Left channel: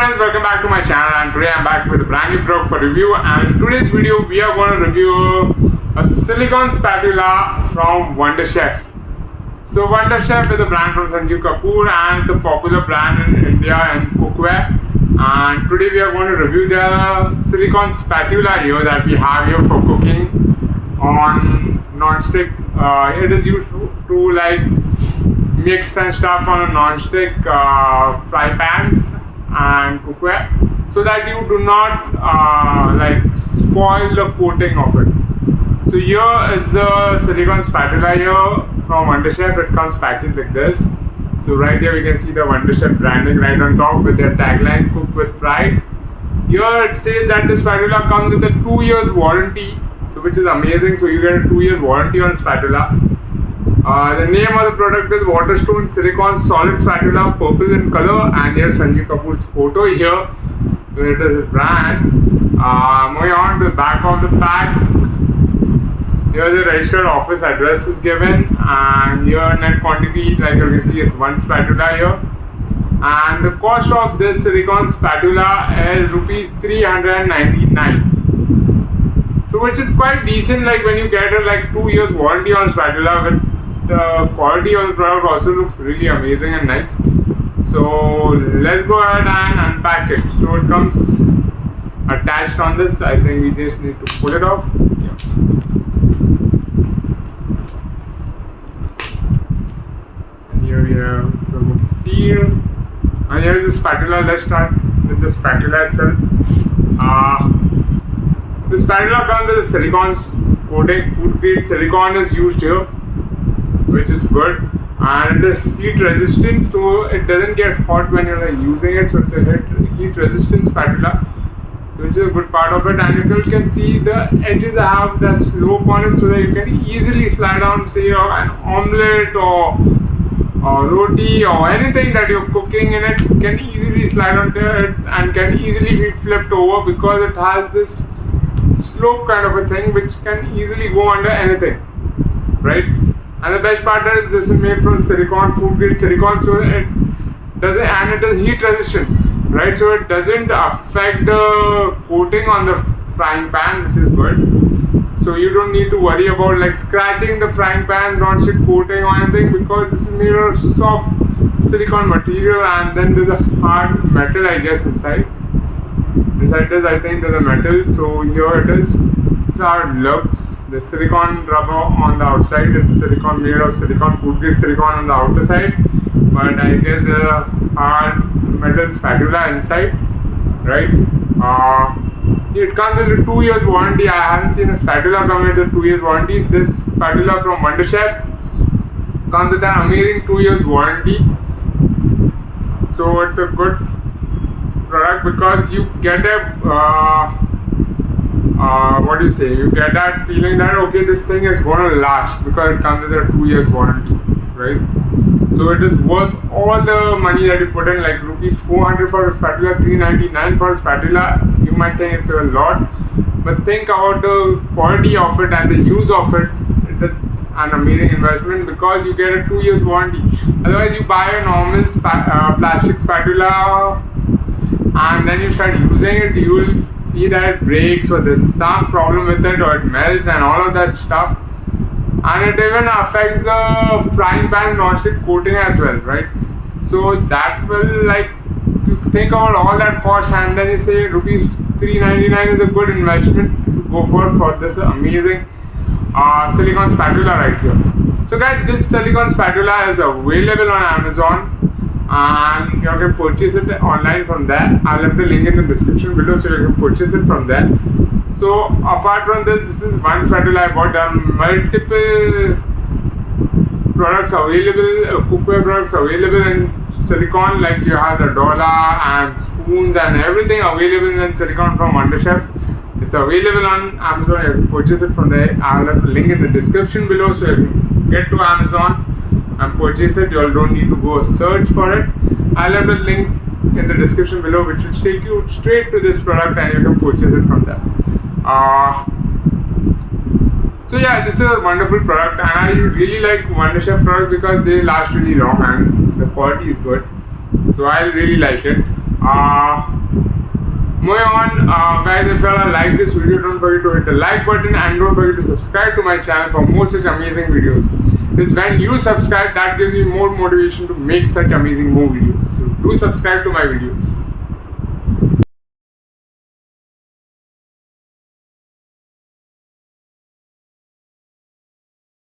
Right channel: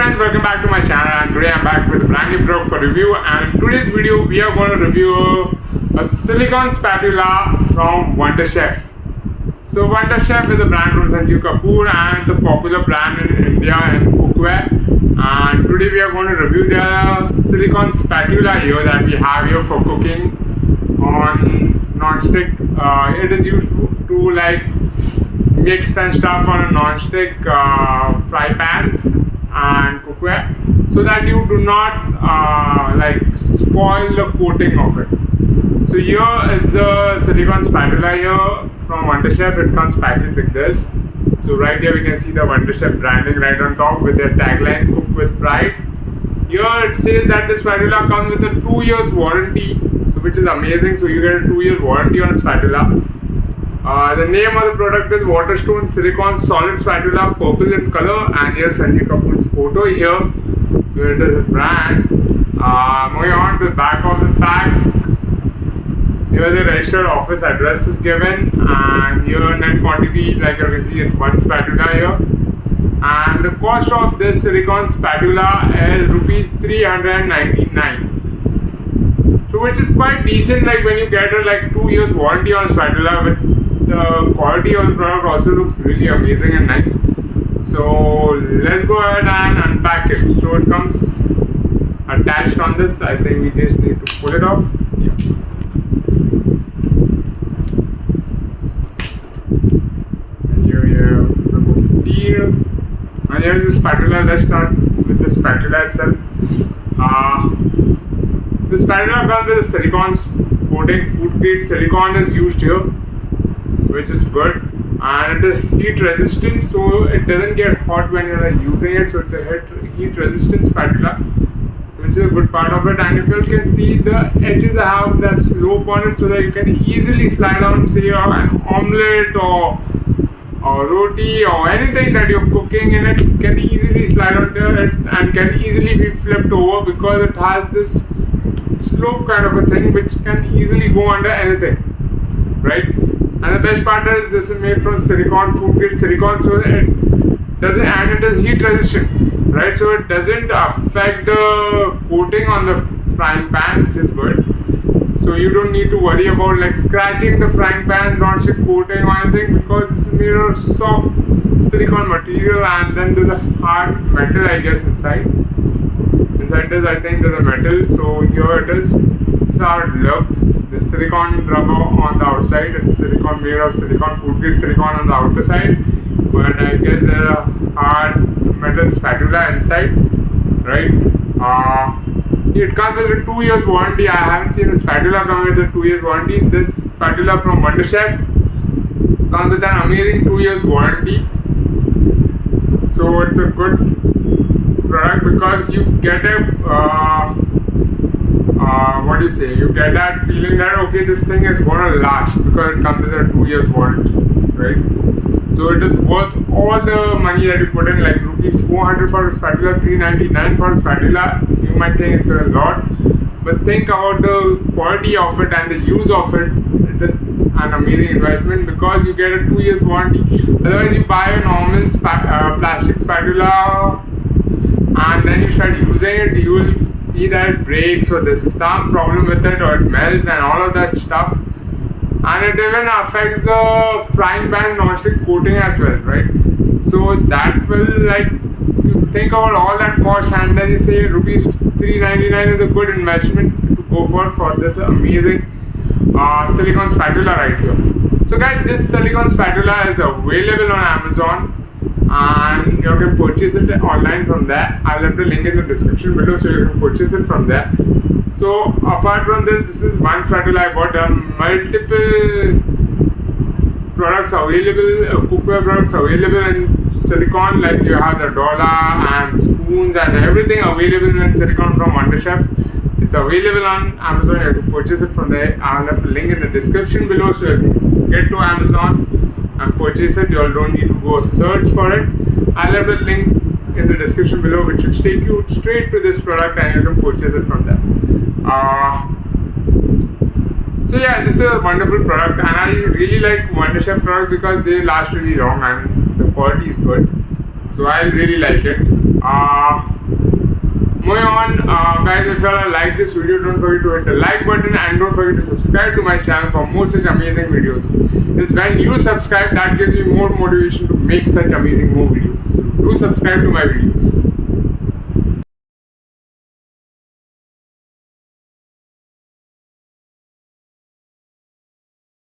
friends, welcome back to my channel, and today I'm back with a brand new product for review. And in today's video we are going to review a silicone spatula from Wonderchef. So Wonderchef is a brand from Sanjeev Kapoor and it's a popular brand in India and cookware. And today we are going to review the silicone spatula here that we have here for cooking on non-stick. It is used to like mix and stuff on a non-stick fry pans and cookware, so that you do not like spoil the coating of it. So here is the silicone spatula here from Wonderchef. It comes packaged like this. So right here we can see the Wonderchef branding right on top with their tagline, "Cook with Pride." Here it says that the spatula comes with a 2 years warranty, so which is amazing. So you get a 2 years warranty on spatula. The name of the product is Waterstone Silicone Solid Spatula, purple in color, and here's Sanjeev Kapoor's photo here, where it is his brand. Moving on to the back of the pack, here the registered office address is given, and here net quantity, like you can see, it's one spatula here. And the cost of this silicone spatula is rupees 399. So which is quite decent, like when you get a like 2 years warranty on spatula. With the quality of the product also looks really amazing and nice. So let's go ahead and unpack it. So it comes attached on this. I think we just need to pull it off. Yeah. And here we have the seal. And here's the spatula. Let's start with the spatula itself. The spatula comes with a silicone coating. Food grade silicone is used here, which is good, and it is heat resistant, so it doesn't get hot when you're like using it. So it's a heat resistant spatula, which is a good part of it. And if you can see, the edges have that slope on it, so that you can easily slide on, say, an omelette or roti or anything that you're cooking in it, can easily slide onto it and can easily be flipped over, because it has this slope kind of a thing which can easily go under anything, right? And the best part is this is made from silicone, food grade silicone, so it doesn't, and it is heat resistant, right? So it doesn't affect the coating on the frying pan, which is good. So you don't need to worry about like scratching the frying pan's non-stick coating or anything, because this is made of soft silicone material, and then there's a hard metal, I guess, inside. Inside this, I think there's a metal. So here it is. This is how it looks. The silicone rubber on the outside. It's silicone, made of silicone, food grade silicone on the outer side. But I guess there's a hard metal spatula inside, right? It comes with a 2 years warranty. I haven't seen a spatula come with a 2 years warranty. This spatula from Wonderchef comes with an amazing 2 years warranty. So it's a good product, because you get a what do you say? You get that feeling that okay, this thing is gonna last, because it comes with a 2 years warranty, right? So it is worth all the money that you put in, like rupees 400 for a spatula, 399 for a spatula. You might think it's a lot, but think about the quality of it and the use of it. It is an amazing investment, because you get a 2 years warranty. Otherwise, you buy a normal plastic spatula and then you start using it, you will see that it breaks, or there's some problem with it, or it melts and all of that stuff. And it even affects the frying pan non-stick coating as well, right? So that will, like, you think about all that cost, and then you say rupees 399 is a good investment to go for this amazing silicone spatula right here. So guys, this silicone spatula is available on Amazon, and you can purchase it online from there. I'll have the link in the description below, so you can purchase it from there. So apart from this is one spatula I bought. There are multiple products available, cookware products available in silicone, like you have the dollar and spoons and everything available in silicone from Wonderchef. It's available on Amazon. You can purchase it from there. I'll have the link in the description below, so you can get to Amazon and purchase it. You all don't need to go search for it. I'll have the link in the description below, which will take you straight to this product, and you can purchase it from there. So yeah, this is a wonderful product, and I really like Wonderchef products because they last really long and the quality is good. So I really like it. Moving on, guys, if you all like this video, don't forget to hit the like button and don't forget to subscribe to my channel for more such amazing videos. It's when you subscribe that gives me more motivation to make such amazing more videos. So do subscribe to my videos.